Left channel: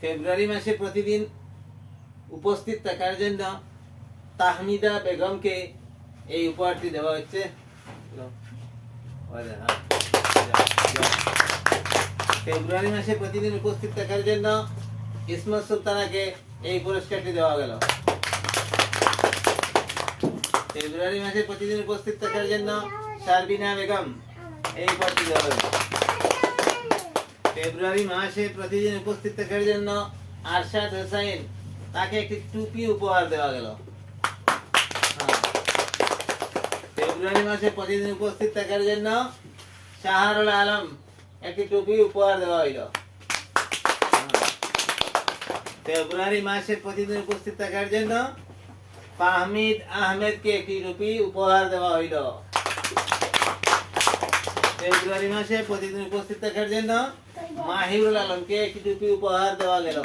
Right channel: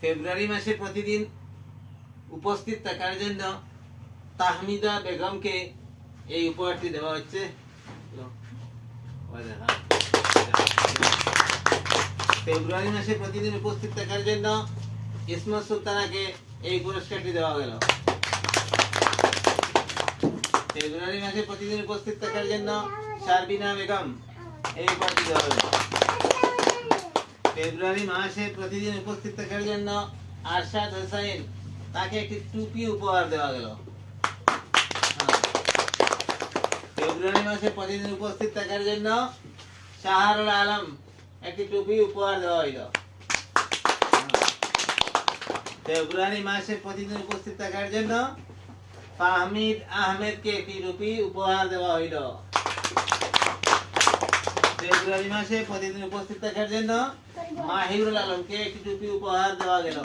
ফেব্রুয়ারি মাসে প্রতিদিন উপস্থিত থাকার জন্য তাহমিদা বেগমকে এই উপহারটি দেওয়া হচ্ছে। ফেব্রুয়ারি মাসে প্রতিদিন উপস্থিত থাকার জন্য ইসমত সুলতানাকে এই পুরস্কারটি দেওয়া গেল। ফেব্রুয়ারি মাসে প্রতিদিন উপস্থিত থাকার জন্য শারবিনা বেগম এই উপহারটি দেওয়া হলো। ফেব্রুয়ারি মাসে প্রতিদিন উপস্থিত থাকার জন্য আরশাদ হোসেন তাকে একটি টুপি উপহার দেওয়া গেল। ফেব্রুয়ারি মাসে প্রতিদিন উপস্থিত থাকার জন্য শাহরুল আলম একটি টুপি উপহার দেওয়া হইল। ফেব্রুয়ারি মাসে প্রতিদিন উপস্থিত থাকার জন্য ফাহমিদ আহমেদকে একটি টুপি উপহার দেওয়া হইল। ফেব্রুয়ারি মাসে প্রতিদিন উপস্থিত থাকার জন্য মাহিরুল আলমকে একটি টুপি উপহার দেওয়া গেল।